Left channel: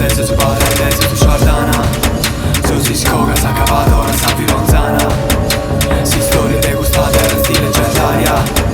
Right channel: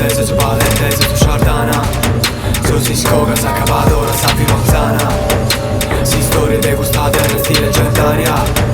gigantese, su palentese, su Sardana. Su si scoga, sa cavadora, sa vironzana. Si storie degustate in stile leggendaria.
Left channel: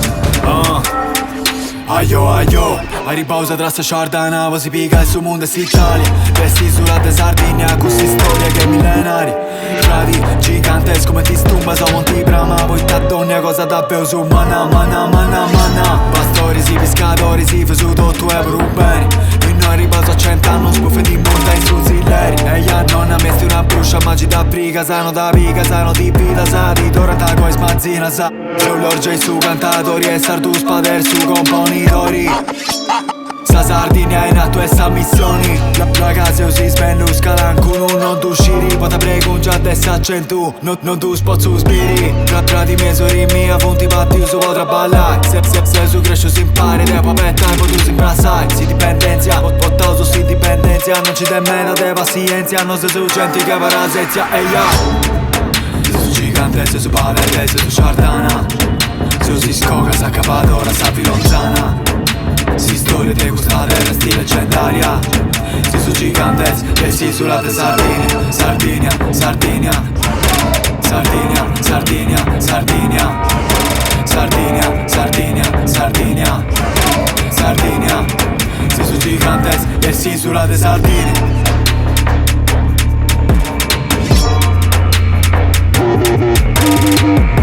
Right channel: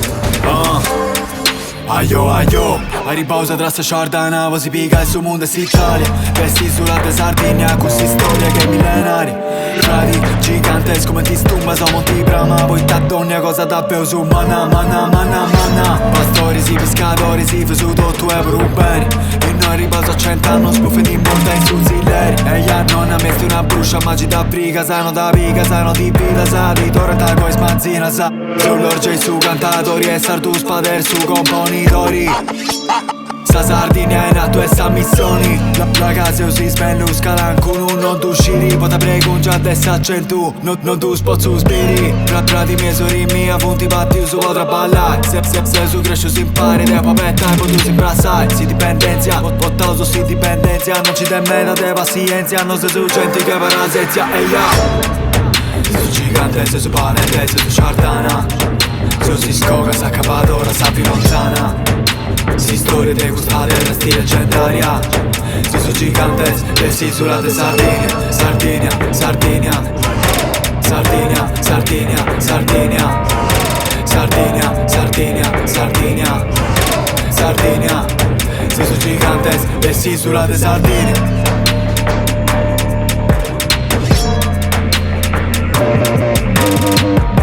Aio, aio, a riposa tra sta Sardana, poi si pica il suo mondo e si Italia. Vesti sulla de Sardegna, così storia che è millenaria. Frati gigantesco come ti stumba, so monti brama. Poi t'addonna cosa davvero su mana, mana, mana, mana. Pastori si pescatori si fa su tutto e per un bene. E noi riposo a 100 anni, spuffo di monta in su zilleri. E gli non ha messo una bruscia, magi da briga, sano da pica, sano di vita, sa di torrenta coi smazzina, sa. Sull'orgia e su cantatori e sardu spader su componitori. Sa Sardegna in atto e sa missioni. La casa si spendu scalancuno. Non tu usciri, poi te prego già adesso accentu. Non tu spozzo spiri. Tra di me sori mia fonti batti su potrà ballare. Se su cresce si impari, te papetta e poi tu si imbrassai. Si dipendenzia, votato si dipendenzia. Non ci te meno te pazienza. Non se su gente che parazezia. E ya su gigantese, su palentese, su Sardana. Su si scoga, sa cavadora, sa vironzana. Si storie degustate in stile leggendaria. Si su gigantese, e si sulla de Sardegna. Sardegna, Sardegna. Sardegna, Sardegna, Sardegna. Sardegna, Sardegna, Sardegna. Sardegna. Si su gigantese, e si sulla de Sardegna. Thank you.